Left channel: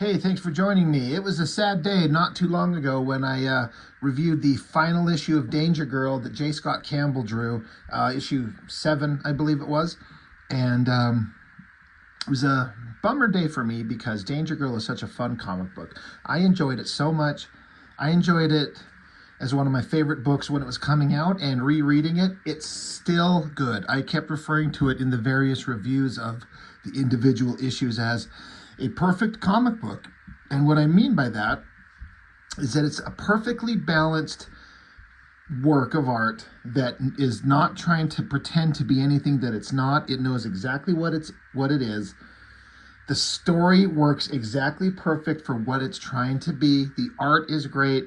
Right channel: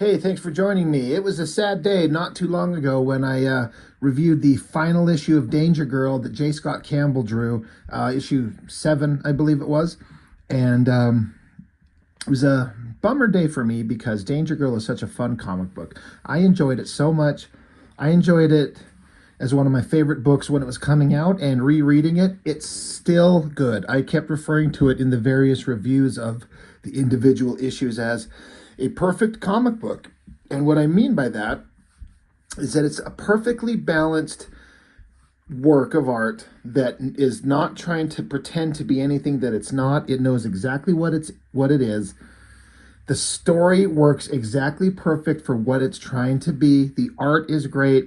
Hey, thanks for joining me. It was a sad day not too long ago when I reviewed the final issue of Danger Girl that J. Scott Campbell drew, issue 7, I believe it was. And it was a bummer day for me because Danger Girl is such a fun comic book. I enjoyed it so much. I enjoyed it as one of my favorite books when it was coming out, and rereading it, it's still good. I kept referring to it in the various reviews of the individual issues as a perfect comic book. And what I mean by that is that it's a perfectly balanced work of art that is not trying to pretend to be anything that it's not. It knows exactly what it is. The story works exactly perfect for what it's trying to be. The art is great.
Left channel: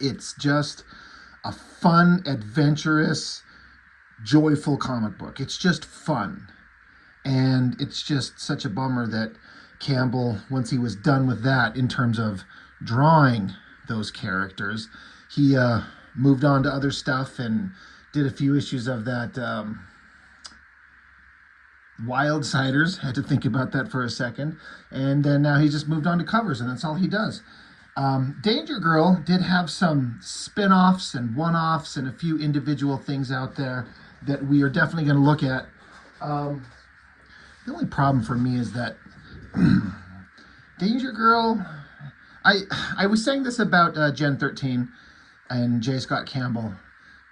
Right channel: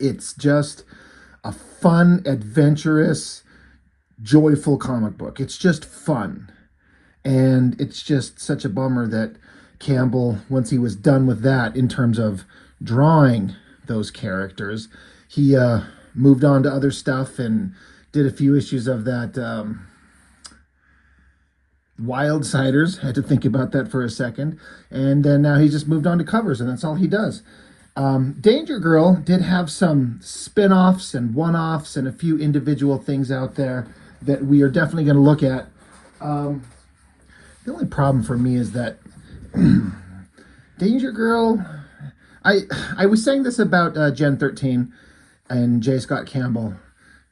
It's just a fun, adventurous, joyful comic book. It's just fun. And it's just such a bummer that Campbell, once he was done with that in terms of drawing those characters, he moved on to other stuff and did a few issues of that Wild Siders. Had to think about that for a second. And then now he's just moved on to covers, and that's all he does. Danger Girl did have some spin-offs and one-offs and a few individual things out there that we are definitely going to look at. The only problem for me is that Danger Girl, I was saying this about Gen 13 and J. Scott Campbell,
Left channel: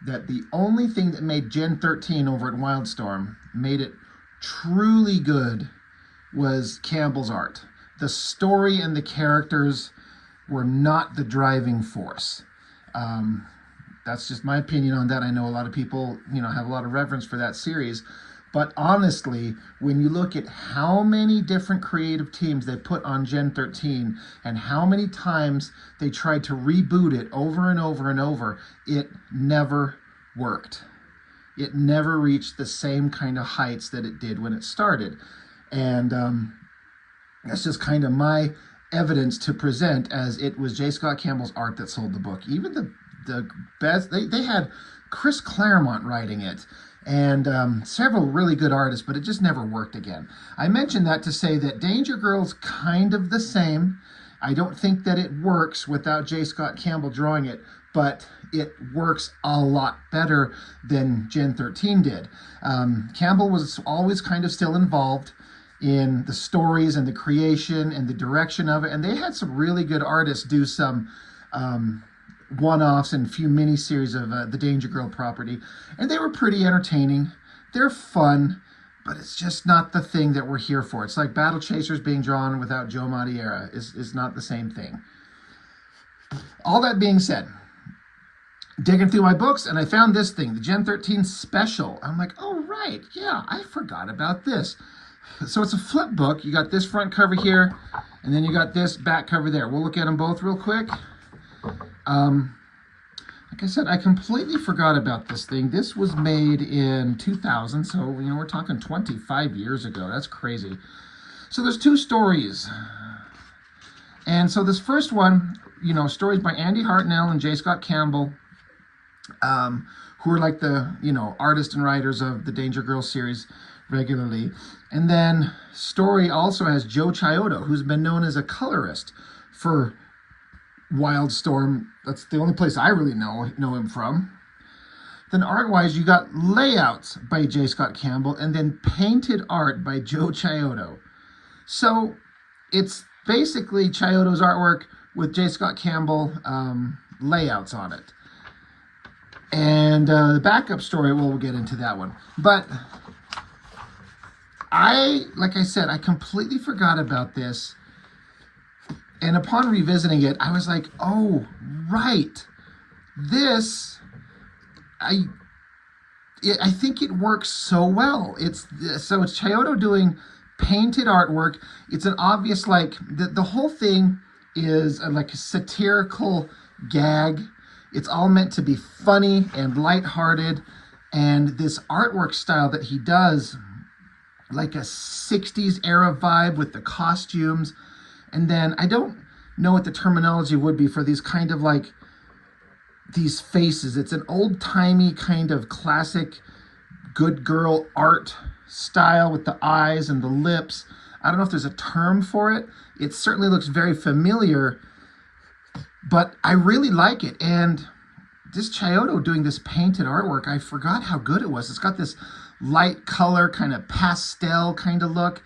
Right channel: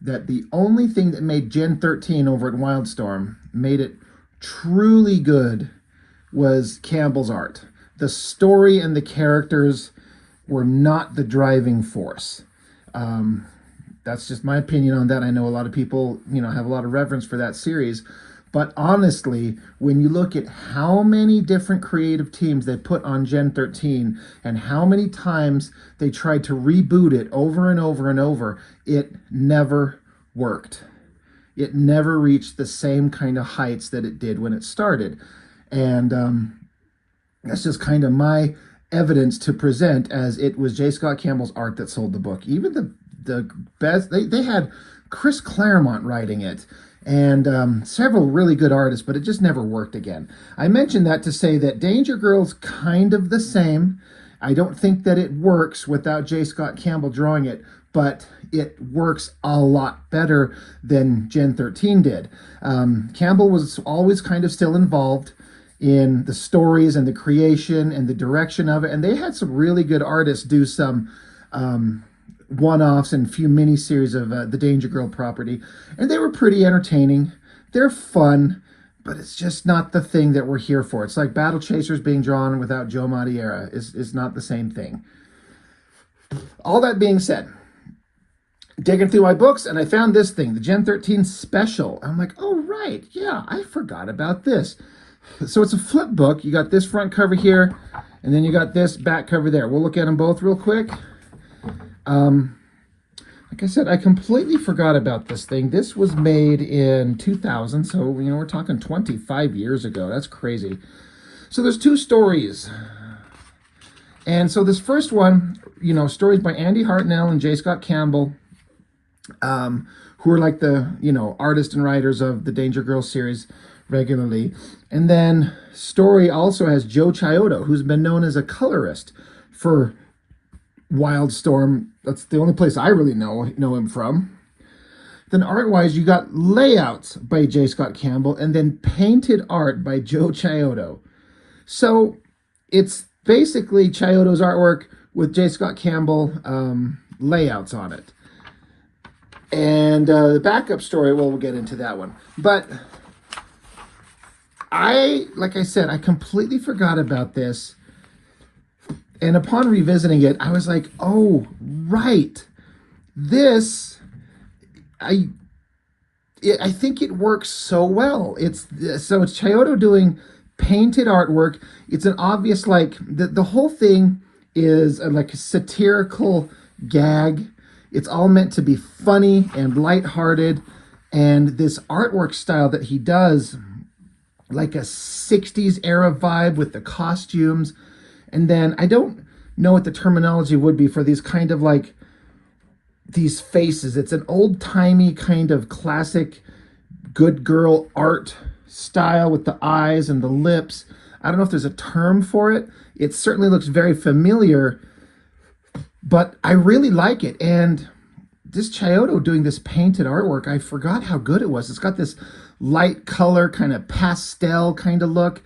that the only thing that made Gen 13 over at Wildstorm, made it truly good, was Campbell's art. The story and the characters were not the driving force. That's just my opinion on that. I know a lot of people, have a lot of reverence for that series. But honestly, when you look at how many different creative teams they put on Gen 13 and how many times they tried to reboot it over and over and over, it never worked. It never reached the same kind of heights that it did when it started. And that's just kind of my evidence to present, as it was J. Scott Campbell's art that sold the book. Even the best, they had Chris Claremont writing it, and several really good artists, but it just never worked again. I mentioned that to say that Danger Girl's kind of the same. I don't think that it works without J. Scott Campbell drawing it, but it works a lot better than Gen 13 did. Campbell was always kind of still involved in the stories and the creation and the direction of it, and they had some really good artists do some one-offs and a few mini-series of the Danger Girl property, and they were pretty entertaining. They're fun, but it's just not the thing that we're here for. It's like Battle Chasers being drawn without Joe Madureira. It's not the same thing. All that being said, digging through my books, and I found this thing, the Gen 13 special. I'm like, oh, right, yeah, I forgot about this. So it's a flip book. You got this front cover here, and then you got this back cover there. We'll look at them both real quick. Like I said, I completely forgot about this thing. This was made in 2000, so, we're talking 25 years ago. That's crazy. So there's two stories. And so this first one, stories by Andy Hartnell and J. Scott Campbell, who are like the, artists and writers of the Danger Girl series regularly. And then story also has Joe Chiodo, who's been known as a colorist for Wildstorm. That's the only place I really know him from. Then art-wise, you got layouts by J. Scott Campbell and then painted art by Joe Chiodo. So it's basically Chiodo's artwork with J. Scott Campbell layouts on it. And the backup story, well, we'll get into that one. But like I said, I completely forgot about this. And upon revisiting it, I was like, oh, right. This, I think it works so well. It's Chiodo doing painted artwork. It's an obvious, the whole thing is like a satirical gag. It's all meant to be funny and lighthearted. And this artwork style that he does, like a 60s era vibe with the costumes. And then I don't know what the terminology would be for these kind of these faces. It's an old-timey kind of classic good girl art style with the eyes and the lips. I don't know if there's a term for it. It certainly looks very familiar, but I really like it. And this Chiodo doing this painted artwork, I forgot how good it was. It's got this light color, kind of pastel kind of look.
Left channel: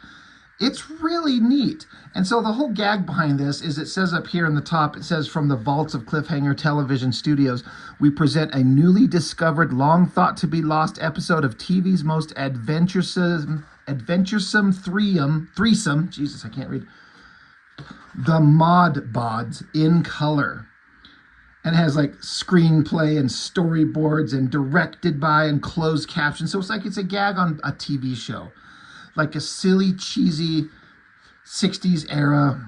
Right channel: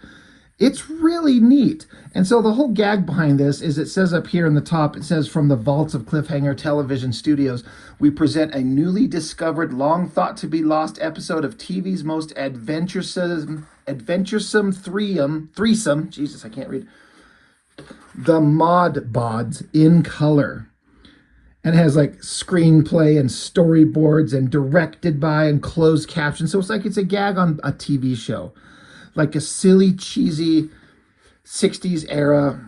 It's really neat. And so the whole gag behind this is, it says up here in the top, it says, "From the vaults of Cliffhanger Television Studios, we present a newly discovered, long thought to be lost episode of TV's most adventuresome threesome, Jesus, I can't read, the Mod Bods in color." And it has like screenplay and storyboards and directed by and closed captions. So it's like it's a gag on a TV show. Like a silly, cheesy 60s era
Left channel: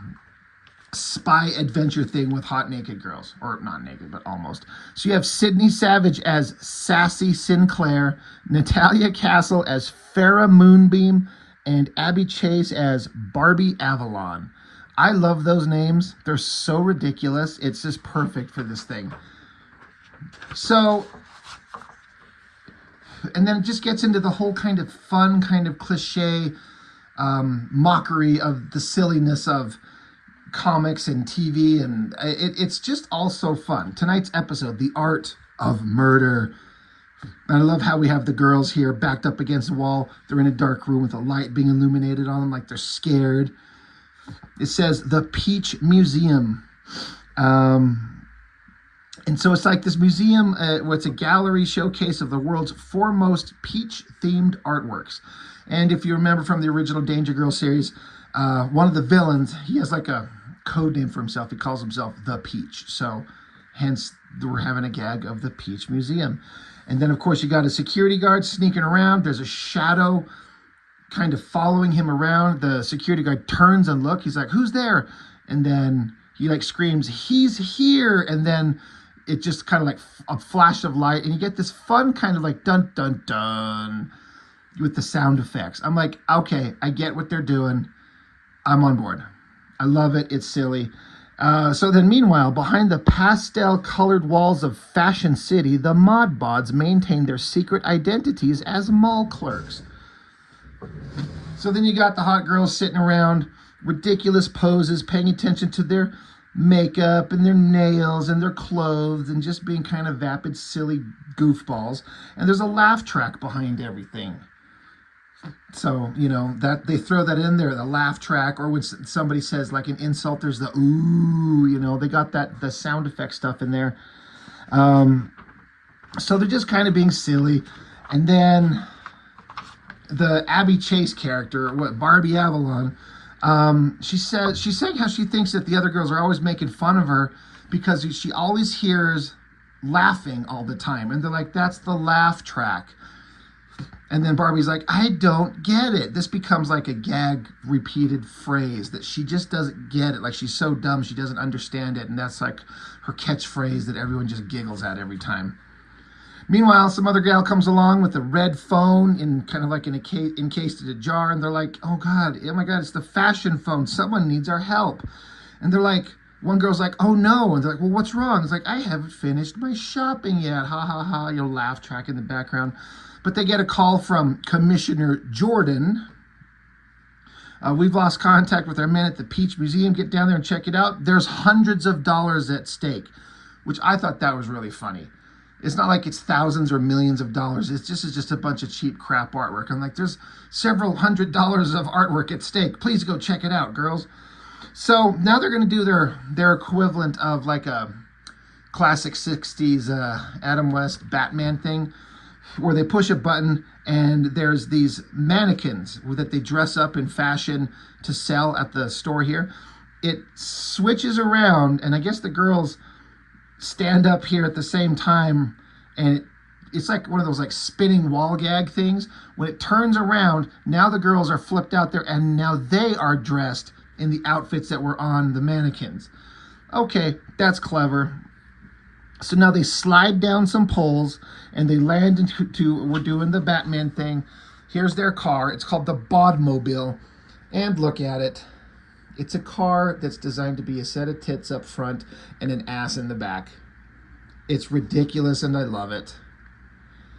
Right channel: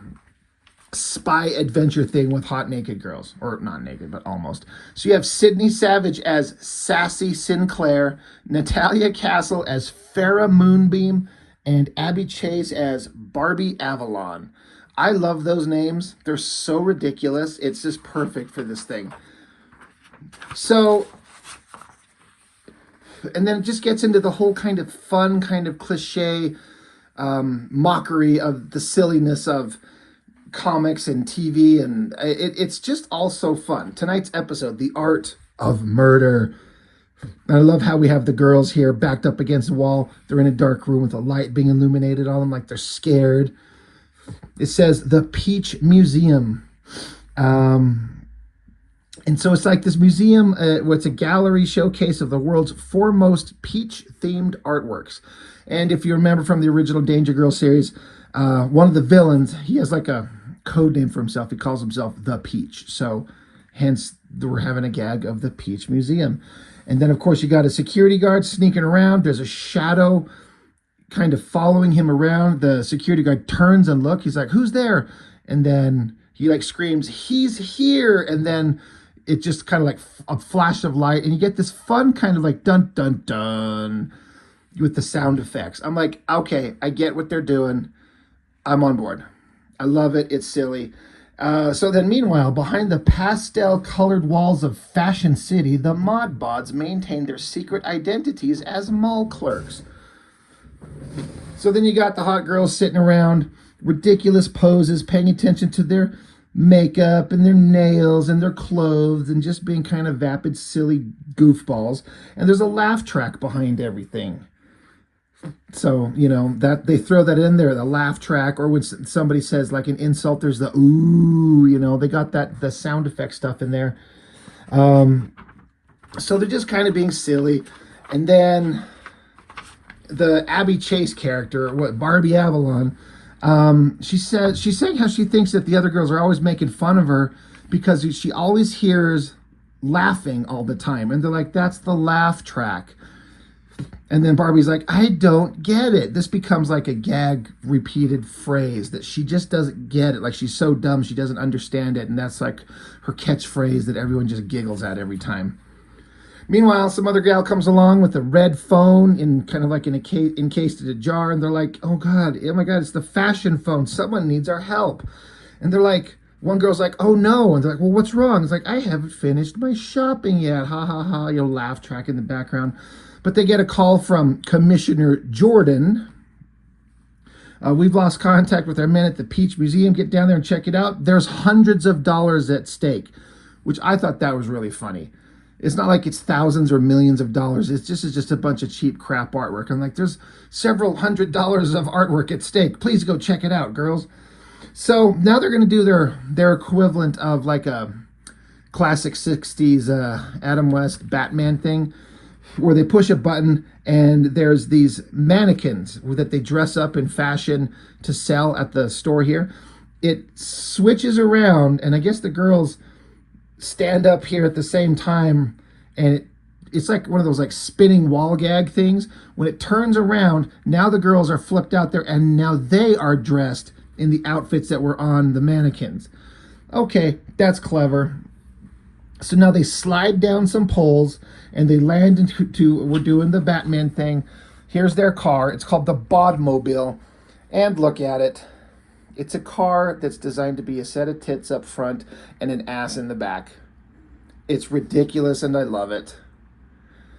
spy adventure thing with hot naked girls. Or not naked, but almost. So you have Sydney Savage as Sassy Sinclair, Natalia Castle as Farrah Moonbeam, and Abby Chase as Barbie Avalon. I love those names. They're so ridiculous. It's just perfect for this thing. So, and then it just gets into the whole kind of fun, kind of cliche mockery of the silliness of comics and TV. And it's just all so fun. Tonight's episode, The Art of Murder. And I love how we have the girls here backed up against the wall. They're in a dark room with a light being illuminated on them like they're scared. It says the Peach Museum. And so it's like this museum, it's a gallery showcase of the world's foremost peach-themed artworks. And if you remember from the original Danger Girl series, one of the villains, he has like a code name for himself. He calls himself the Peach. So hence we're having a gag of the Peach Museum. And then, of course, you got a security guard sneaking around. There's a shadow kind of following him around. The security guard turns and look. He's like, "Who's there?" And then he like screams, "He's here!" And then it just kind of like a flash of light, and you get this fun kind of like dun dun dun with the sound effects. I'm like, okay, I get what they're doing. I'm on board. I love it. It's silly. So then meanwhile, behind the pastel colored walls of Fashion City, the Mod Bods maintain their secret identities as mall clerks. So then you got the hot girls sitting around, ridiculous poses, paying attention to their makeup and their nails and their clothes and just being kind of vapid, silly goofballs. And there's a laugh track behind everything. So, you know, that they throw that in there, the laugh track, or when somebody says like an insult, there's the ooh, you know, they got that, the sound effect stuff in there. So they're just kind of being silly. And then the Abby Chase character, Barbie Avalon, she's saying how she thinks that the other girls are always making fun of her because she always hears laughing all the time. And they're like, "That's the laugh track." And then Barbie's like, "I don't get it." This becomes like a gag repeated phrase that she just doesn't get it. Like she's so dumb, she doesn't understand it. And that's like her catchphrase that everyone just giggles at every time. Meanwhile, some other gal comes along with a red phone in kind of like encased in a jar. And they're like, "Oh God, oh my God, it's the fashion phone. Someone needs our help." And they're like, one girl's like, "Oh no." And they're like, "Well, what's wrong?" It's like, "I haven't finished my shopping yet." Ha ha ha, you know, laugh track in the background. But they get a call from Commissioner Jordan. "We've lost contact with our men at the Peach Museum. Get down there and check it out. There's hundreds of dollars at stake," which I thought that was really funny. It's not like it's thousands or millions of dollars. It's just a bunch of cheap crap artwork. I'm like, there's several $100s of artwork at stake. Please go check it out, girls. So now they're going to do their equivalent of like a classic 60s Adam West Batman thing, where they push a button and there's these mannequins that they dress up in fashion to sell at the store here. It switches around, and I guess the girls stand up here at the same time, and it's like one of those like spinning wall gag things. When it turns around, now the girls are flipped out there, and now they are dressed in the outfits that were on the mannequins. Okay, that's clever. So now they slide down some poles and they land into, we're doing the Batman thing. Here's their car. It's called the Bodmobile. And look at it. It's a car that's designed to be a set of tits up front and an ass in the back. It's ridiculous and I love it.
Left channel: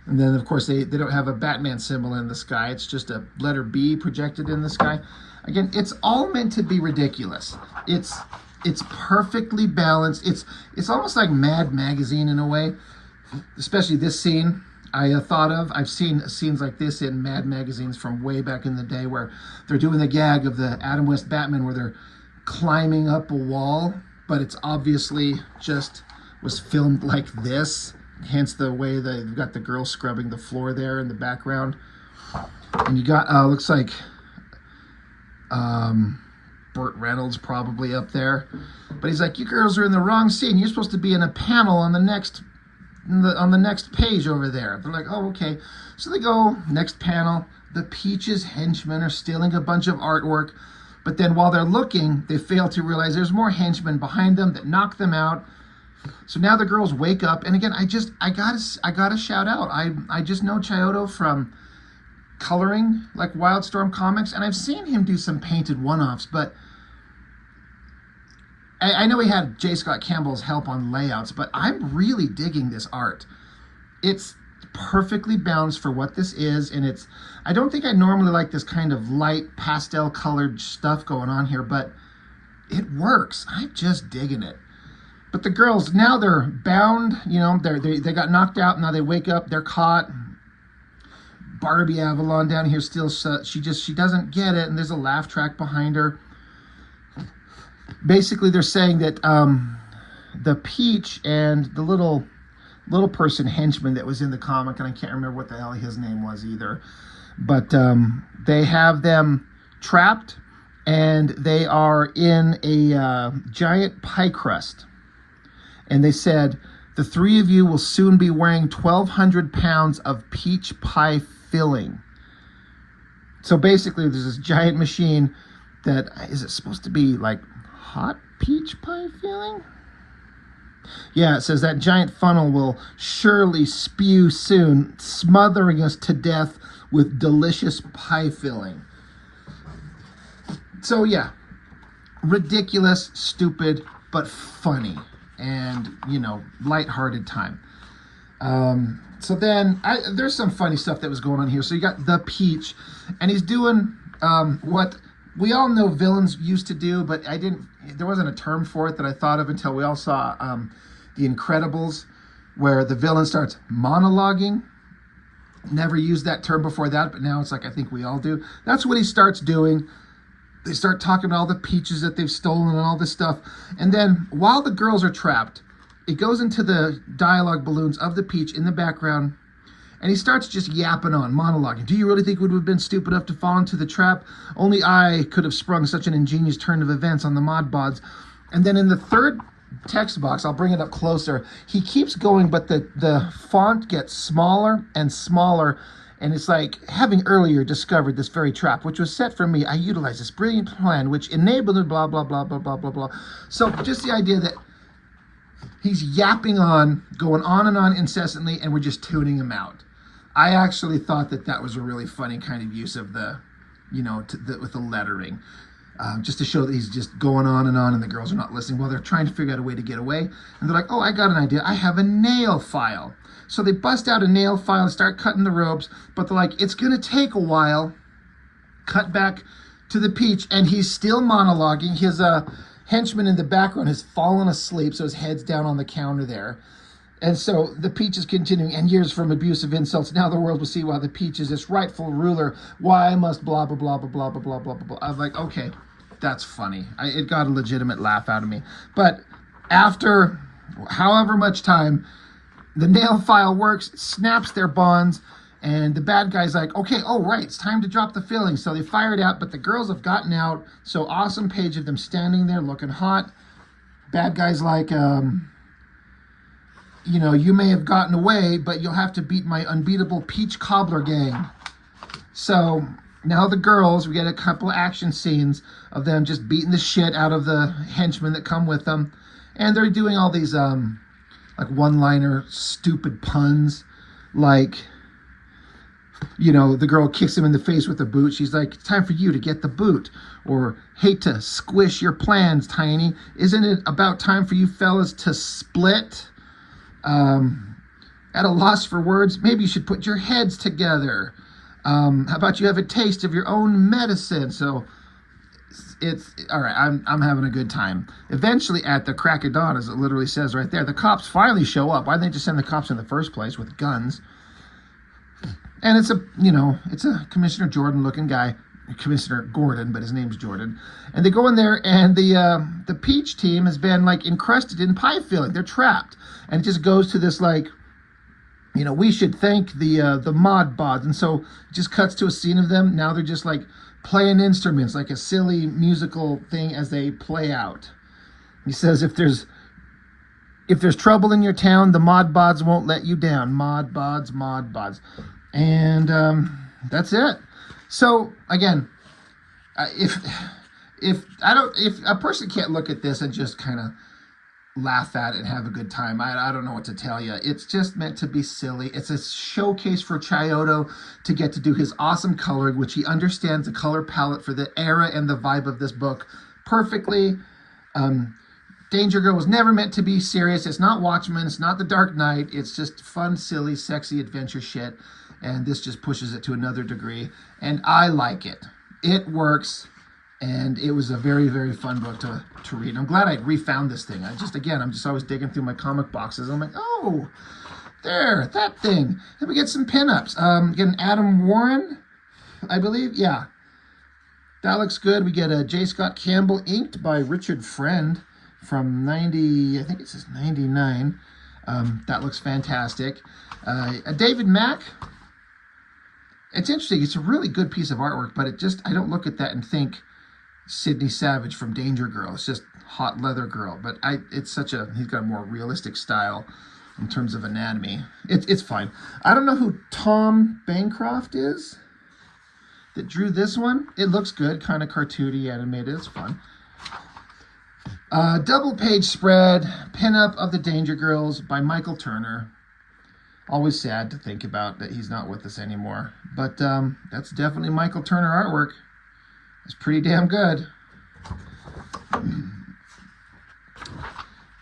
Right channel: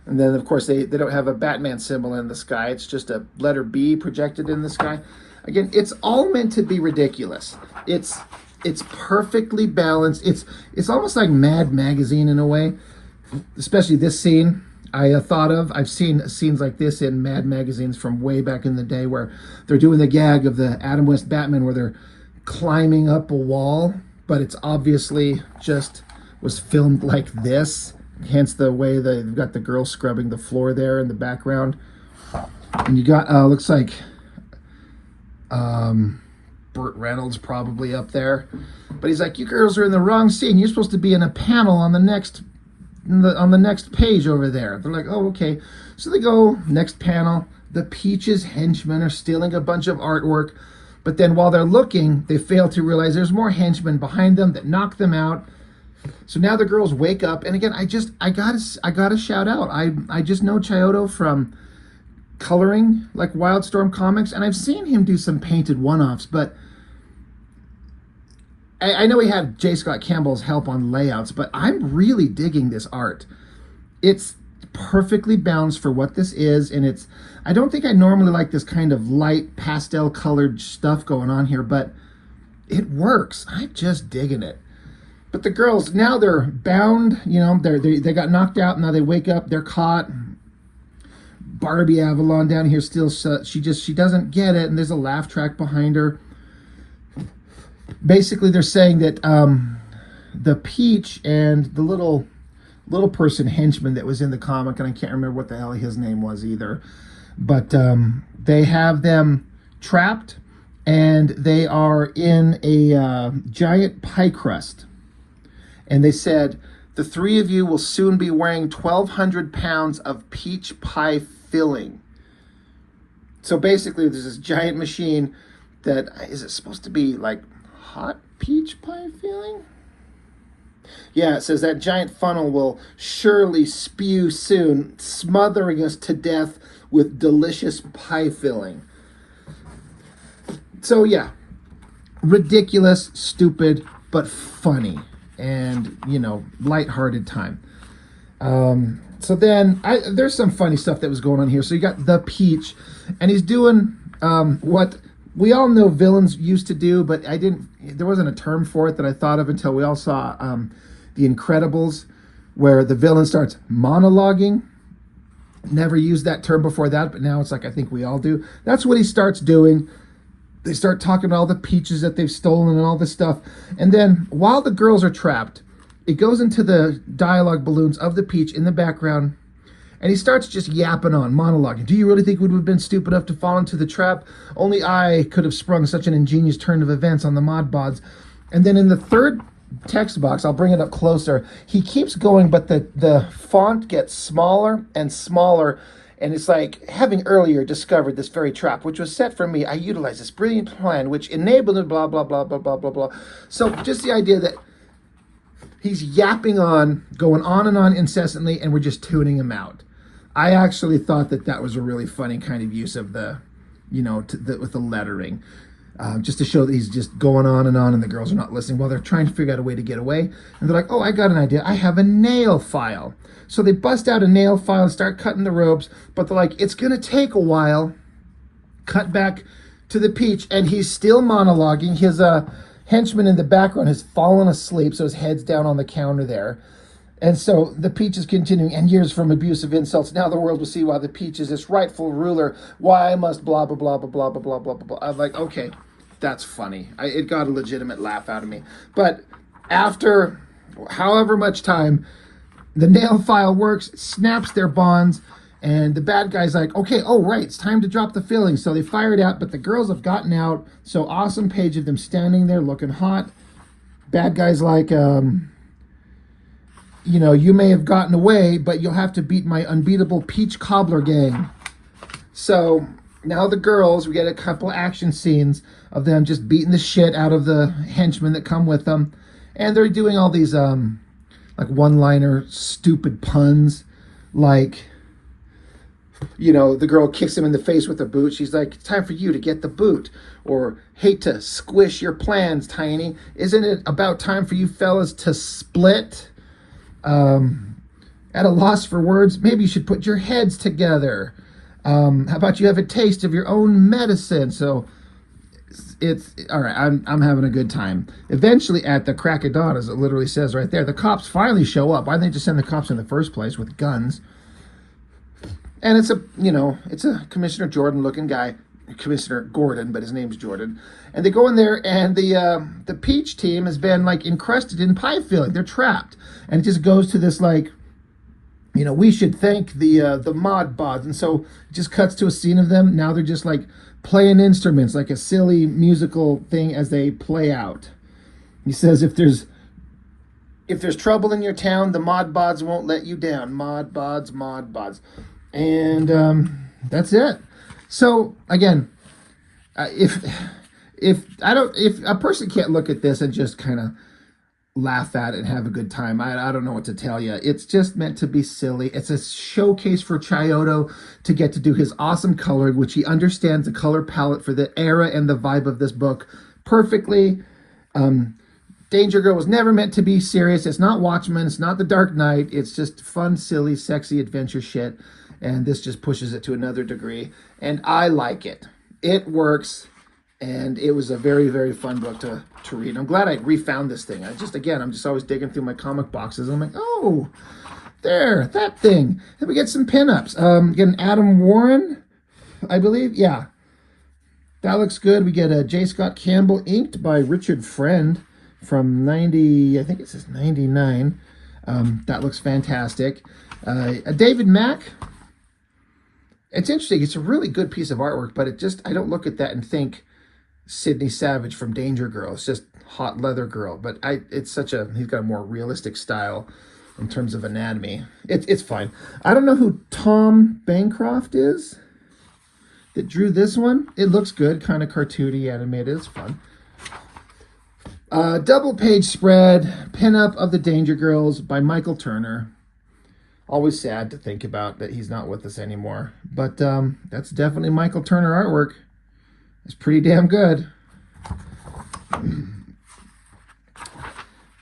And then, of course, they don't have a Batman symbol in the sky. It's just a letter B projected in the sky. Again, it's all meant to be ridiculous. It's perfectly balanced. It's almost like Mad Magazine in a way, especially this scene. I've seen scenes like this in Mad magazines from way back in the day where they're doing the gag of the Adam West Batman where they're climbing up a wall, but it's obviously just was filmed like this. Hence the way they've got the girl scrubbing the floor there in the background. And you got, looks like Burt Reynolds probably up there. But he's like, you girls are in the wrong scene. You're supposed to be in a panel on the next page over there. They're like, oh, okay. So they go, next panel. The Peaches henchmen are stealing a bunch of artwork. But then while they're looking, they fail to realize there's more henchmen behind them that knock them out. So now the girls wake up. And again, I gotta shout out. I just know Chiodo from coloring like Wildstorm comics. And I've seen him do some painted one-offs, but I know he had J. Scott Campbell's help on layouts, but I'm really digging this art. It's perfectly balanced for what this is, and I don't think I normally like this kind of light pastel colored stuff going on here, but it works. I'm just digging it. But the girls, now they're bound, you know, they got knocked out, now they wake up, they're caught. Barbie Avalon down here still, she doesn't get it, and there's a laugh track behind her. Basically, they're saying that the Peach and the little person henchman that was in the comic, and I can't remember what the hell his name was either, but they have them trapped, and they are in a giant pie crust. And they said, the three of you will soon be wearing 1,200 pounds of peach pie filling. So basically, there's this giant machine that, is it supposed to be like hot peach pie filling? Yeah, it says that giant funnel will surely spew soon, smothering us to death with delicious pie filling. So yeah, ridiculous, stupid, but funny, and, you know, lighthearted time. So then there's some funny stuff that was going on here. So you got the Peach, and he's doing what we all know villains used to do, but there wasn't a term for it that I thought of until we all saw The Incredibles, where the villain starts monologuing. Never used that term before that, but now it's like, I think we all do. That's what he starts doing. They start talking about all the peaches that they've stolen and all this stuff. And then while the girls are trapped, it goes into the dialogue balloons of the Peach in the background. And he starts just yapping on, monologuing. Do you really think we would have been stupid enough to fall into the trap? Only I could have sprung such an ingenious turn of events on the Mod Bods. And then in the third text box, I'll bring it up closer, he keeps going, but the font gets smaller and smaller. And it's like, having earlier discovered this very trap, which was set for me, I utilized this brilliant plan, which enabled blah, blah, blah, blah, blah, blah, blah. So just the idea that he's yapping on, going on and on incessantly, and we're just tuning him out. I actually thought that was a really funny kind of use of the, you know, with the lettering. Just to show that he's just going on, and the girls are not listening while they're trying to figure out a way to get away. And they're like, oh, I got an idea. I have a nail file. So they bust out a nail file and start cutting the ropes, but they're like, it's going to take a while. Cut back to the Peach, and he's still monologuing. His henchman in the background has fallen asleep, so his head's down on the counter there. And so the Peach is continuing, and years from abusive insults, now the world will see why the Peach is its rightful ruler, why I must blah, blah, blah, blah, blah, blah, blah, blah, blah. I'm like, okay, that's funny. It got a legitimate laugh out of me. But after however much time, the nail file works, snaps their bonds, and the bad guy's like, okay, oh, right, it's time to drop the filling. So they fire it out, but the girls have gotten out. So awesome page of them standing there looking hot. Bad guy's like, you know, you may have gotten away, but you'll have to beat my unbeatable Peach Cobbler gang. So now the girls, we get a couple action scenes of them just beating the shit out of the henchmen that come with them. And they're doing all these, like one-liner stupid puns. Like, you know, the girl kicks him in the face with a boot. She's like, it's time for you to get the boot. Or, hate to squish your plans, Tiny. Isn't it about time for you fellas to split? At a loss for words, maybe you should put your heads together. How about you have a taste of your own medicine? So it's all right. I'm having a good time. Eventually, at the crack of dawn, as it literally says right there, the cops finally show up. Why didn't they just send the cops in the first place with guns? And it's a Commissioner Jordan looking guy, Commissioner Gordon, but his name's Jordan. And they go in there, and the Peach team has been like encrusted in pie filling. They're trapped, and it just goes to this like, we should thank the Mod Bods. And so it just cuts to a scene of them. Now they're just like playing instruments, like a silly musical thing as they play out. He says, if there's trouble in your town, the Mod Bods won't let you down. Mod Bods, Mod Bods. And that's it. So again, if a person can't look at this and just kind of laugh at it and have a good time, I don't know what to tell you. It's just meant to be silly. It's a showcase for Chiodo to get to do his awesome coloring, which he understands the color palette for the era and the vibe of this book perfectly. Danger Girl was never meant to be serious. It's not Watchmen. It's not The Dark Knight. It's just fun, silly, sexy adventure shit. And this just pushes it to another degree. And I like it. It works. And it was a very, very fun book to read. I'm glad I refound this thing. I'm just always digging through my comic boxes. I'm like, oh, there, that thing. Then we get some pinups. Get an Adam Warren, I believe. Yeah. That looks good. We get a J. Scott Campbell inked by Richard Friend from 90, I think it says 99. That looks fantastic. A David Mack. It's interesting. It's a really good piece of artwork, but I don't look at that and think Sidney Savage from Danger Girl. It's just hot leather girl. But he's got a more realistic style in terms of anatomy. It's fine. I don't know who Tom Bancroft is that drew this one. It looks good, kind of cartoony, animated. It's fun. Double page spread, pinup of the Danger Girls by Michael Turner. Always sad to think about that he's not with us anymore. But that's definitely Michael Turner artwork. It's pretty damn good.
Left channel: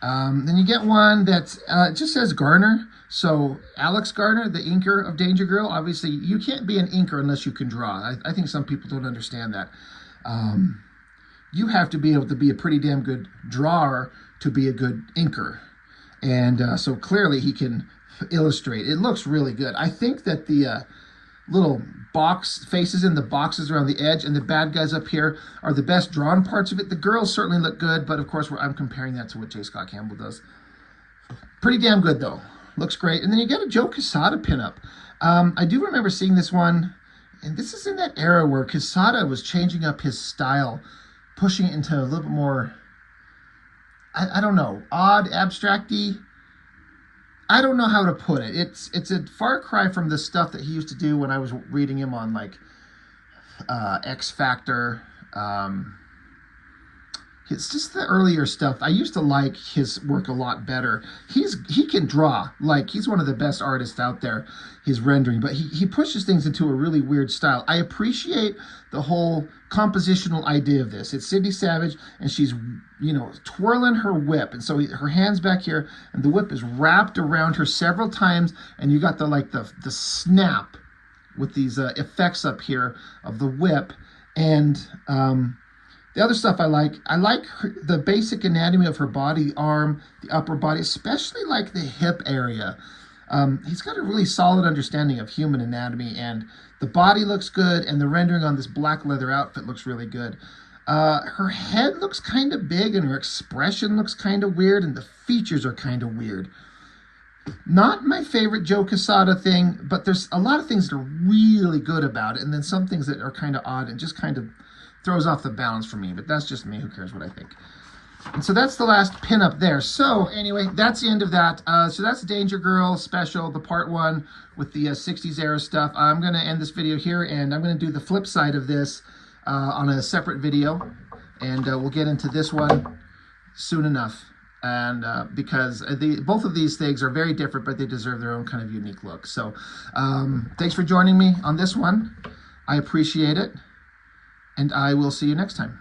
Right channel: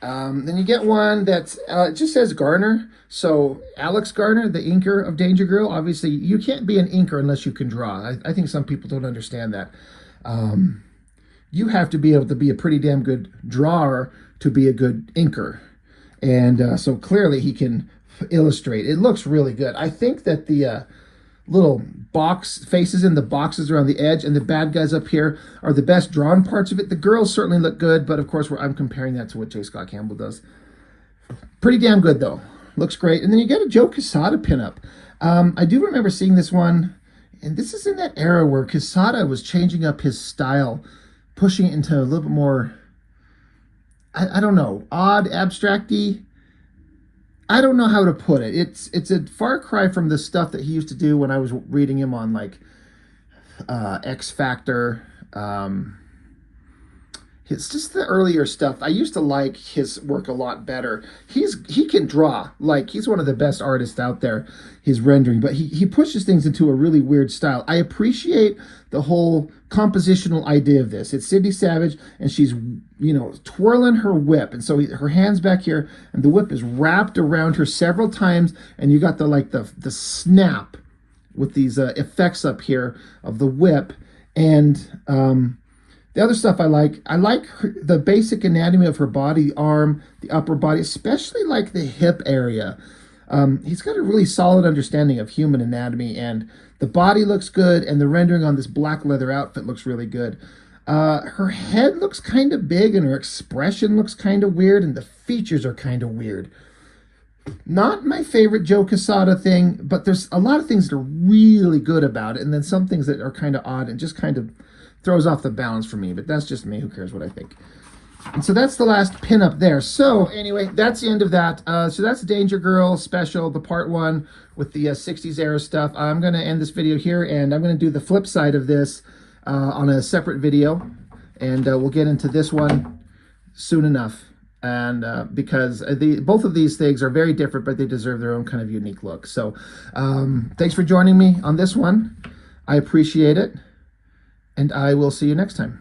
Then you get one that's it just says Garner. So Alex Garner, the inker of Danger Girl. Obviously, you can't be an inker unless you can draw. I think some people don't understand that. You have to be able to be a pretty damn good drawer to be a good inker. And so clearly he can illustrate. It looks really good. I think that the little box faces in the boxes around the edge and the bad guys up here are the best drawn parts of it. The girls certainly look good, but of course I'm comparing that to what J. Scott Campbell does. Pretty damn good though. Looks great. And then you get a Joe Quesada pinup. I do remember seeing this one, and this is in that era where Quesada was changing up his style, pushing it into a little bit more, I don't know, odd, abstract-y. I don't know how to put it. It's a far cry from the stuff that he used to do when I was reading him on like X Factor. It's just the earlier stuff. I used to like his work a lot better. He can draw. Like, he's one of the best artists out there, his rendering. But he pushes things into a really weird style. I appreciate the whole compositional idea of this. It's Sidney Savage, and she's, twirling her whip. And so her hand's back here, and the whip is wrapped around her several times. And you got the snap with these effects up here of the whip. And the other stuff I like the basic anatomy of her body, arm, the upper body, especially like the hip area. He's got a really solid understanding of human anatomy, and the body looks good, and the rendering on this black leather outfit looks really good. Her head looks kind of big, and her expression looks kind of weird, and the features are kind of weird. Not my favorite Joe Quesada thing, but there's a lot of things that are really good about it, and then some things that are kind of odd and just kind of throws off the balance for me, but that's just me. Who cares what I think? And so that's the last pinup there. So anyway, that's the end of that. So that's Danger Girl special, the part 1 with the 60s era stuff. I'm going to end this video here, and I'm going to do the flip side of this on a separate video, and we'll get into this one soon enough. And because both of these things are very different, but they deserve their own kind of unique look. So thanks for joining me on this one. I appreciate it. And I will see you next time.